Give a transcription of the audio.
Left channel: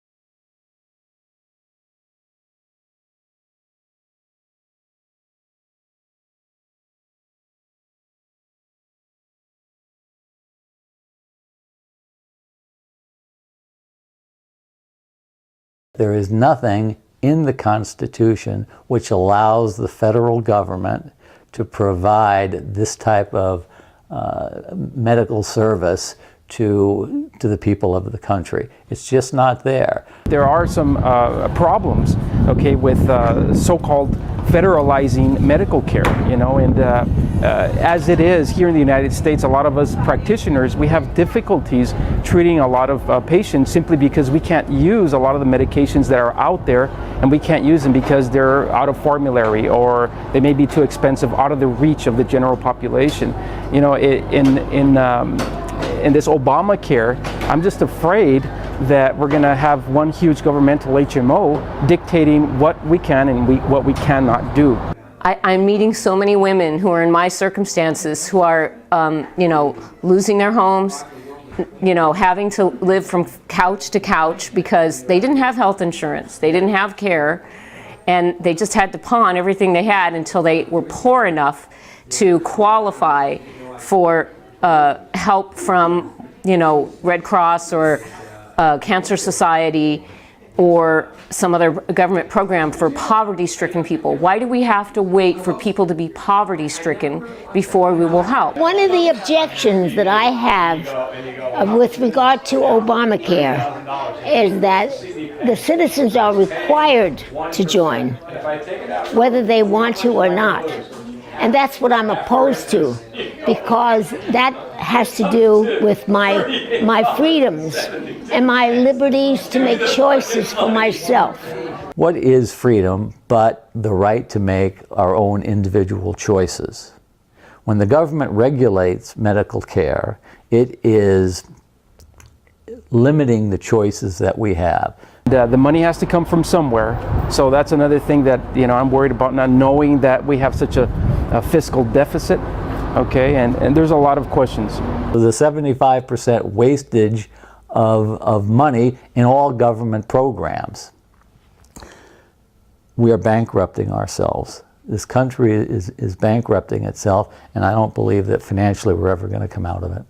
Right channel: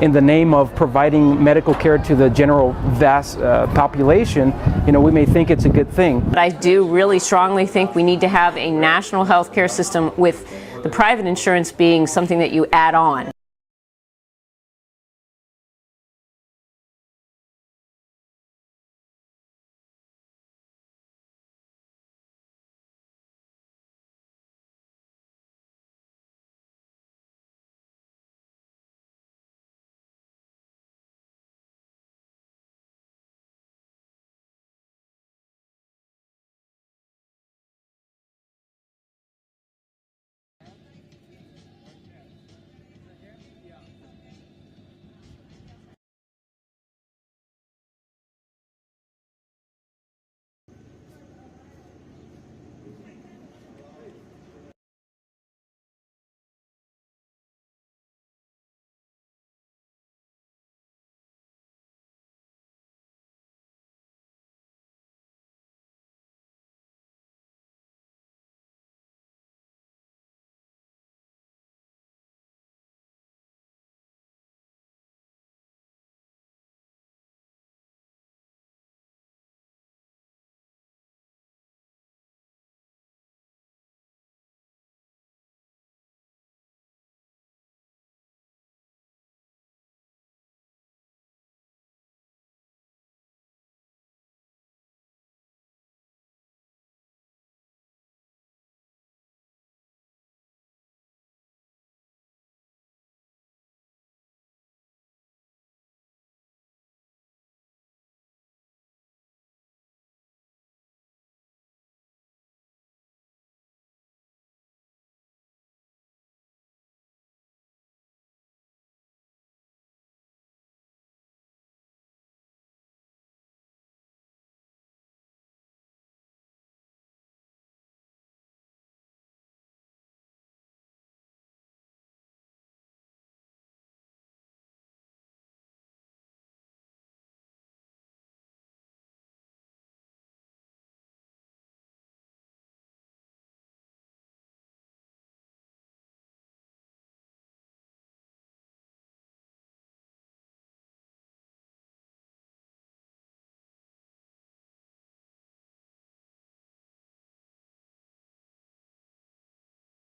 in the name of providing medical care to the general vast population, we may think it's a good thing. But I do really strongly think we need to have a national health care system with the private insurance being something that you add on. There is nothing in the Constitution which allows the federal government to provide this type of medical service to the people of the country. It's just not there. There are some problems, okay, with so-called federalizing medical care, and as it is here in the United States, a lot of us practitioners, we have difficulties treating a lot of patients simply because we can't use a lot of the medications that are out there, and we can't use them because they're out of formulary or they may be too expensive, out of the reach of the general population. In this Obamacare, I'm just afraid that we're going to have one huge governmental HMO dictating what we can and what we cannot do. I'm meeting so many women who are in my circumstances who are, losing their homes, having to live from couch to couch because they didn't have health insurance, they didn't have care, and they just had to pawn everything they had until they were poor enough to qualify for help from, Red Cross or Cancer Society or some other government program for poverty-stricken people. Why do we have to wait for people to be poverty-stricken before we will help? One of the objections that I have with regard to Obamacare is that the citizens are required to join, whether they want to or not. And that's what I'm opposed to, because that has to do with my freedoms and my liberties to make choices for myself. What is freedom but the right to make our own individual choices? When the government regulates medical care, it is limiting the choices that we have. The money has to come from somewhere, so that's another thing that I'm worried about, not knowing that we have such a fiscal deficit, okay, and there's a lot of questions. The 75% wastage of money in all government programs. We are bankrupting ourselves. This country is bankrupting itself, and I don't believe that financially we're ever going to come out of it.